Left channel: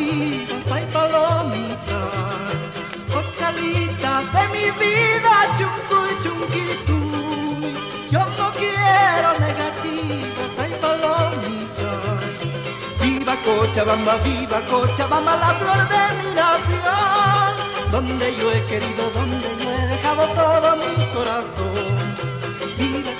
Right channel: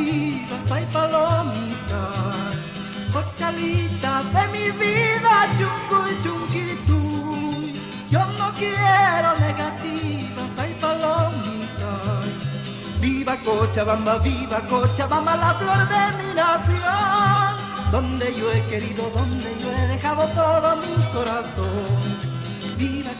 bambalinas, ay palomita, cochalita de mi vida, chuncu chunquitú. Yo no quiero negativas, ay palomita. Viva Cochabamba, la flor de mi nación, donde yo he querido, donde yo he dejado todo mi corazón. Viva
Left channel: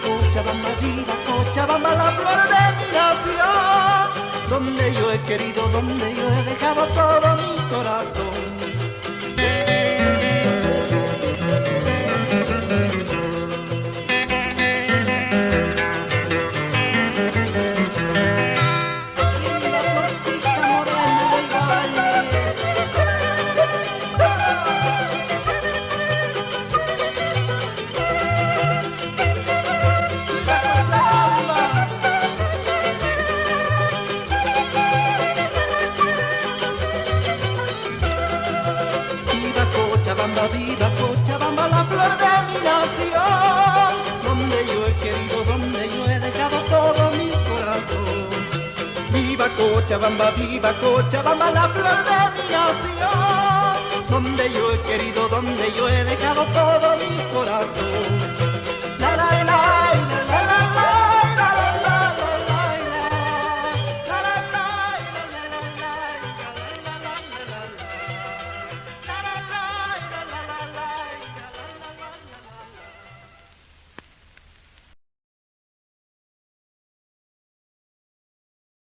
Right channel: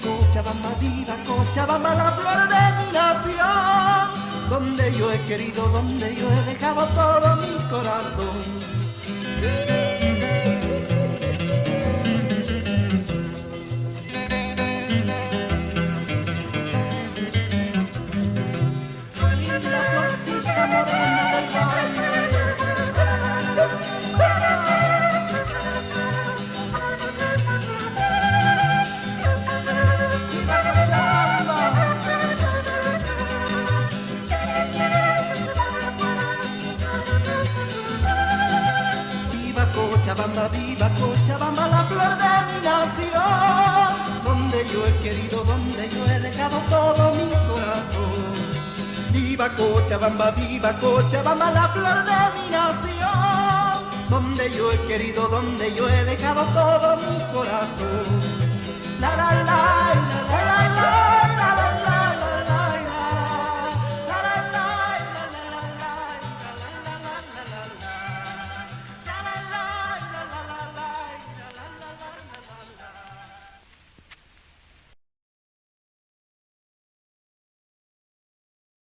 Cochabamba, la flor de mi nación, donde yo he querido, donde yo he dejado todo mi corazón. Viva Cochabamba, la flor de mi nación, donde yo he querido, donde yo he dejado todo mi corazón. Viva Cochabamba, la flor de mi nación, donde yo he querido, donde yo he dejado todo mi corazón. La la la.